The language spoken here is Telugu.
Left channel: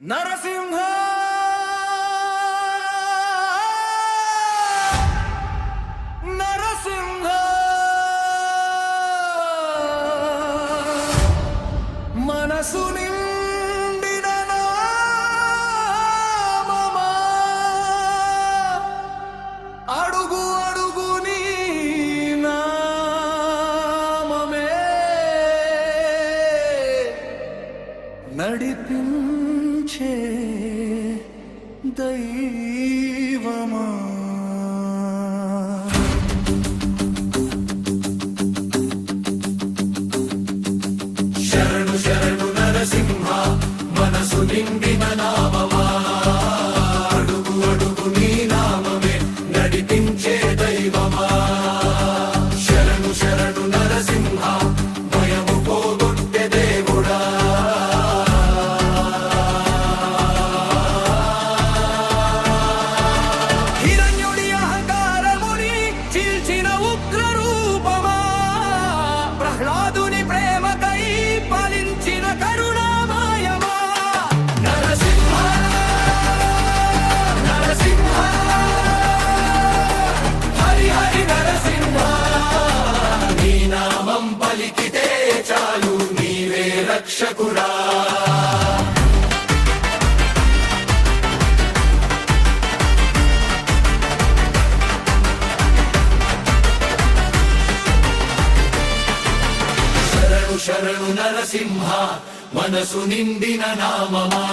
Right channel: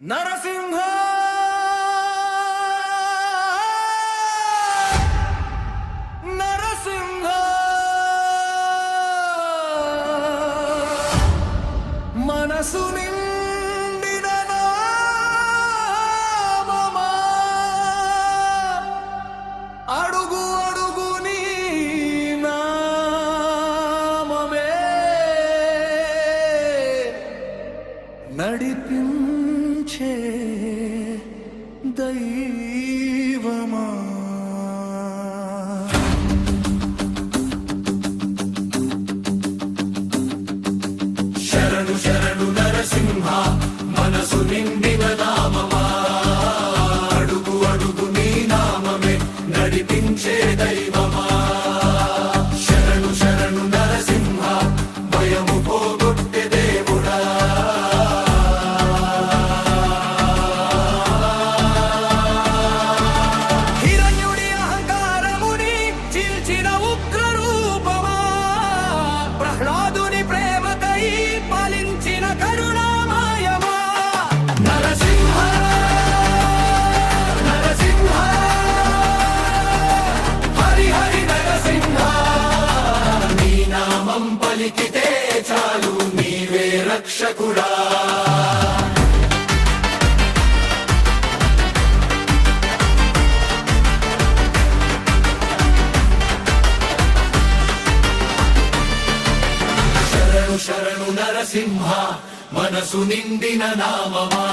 నరసింహ నరసింహ మనసు నిండిన నామమా అడుగు అడుగు నీ నామమే నడిపించే దైవమా శరణు శరణు నరసింహ మనసు నిండిన నామమా అడుగు అడుగు నీ నామమే నడిపించే దైవమా శరణు శరణు నరసింహ భయము పోగొట్టే దేవుడా హిరణ్యుడి అహంకారముని చీల్చిన ఉగ్ర రూపమా ప్రహ్లాదుని ప్రేమకై పాలించిన కరుణామయమా నరసింహ నరసింహ హరి హరి నరసింహ నీ నామం పలికితే చాలు నీవే రక్షకుడా శరణు శరణు నరసింహ మనసు నిండిన నామమా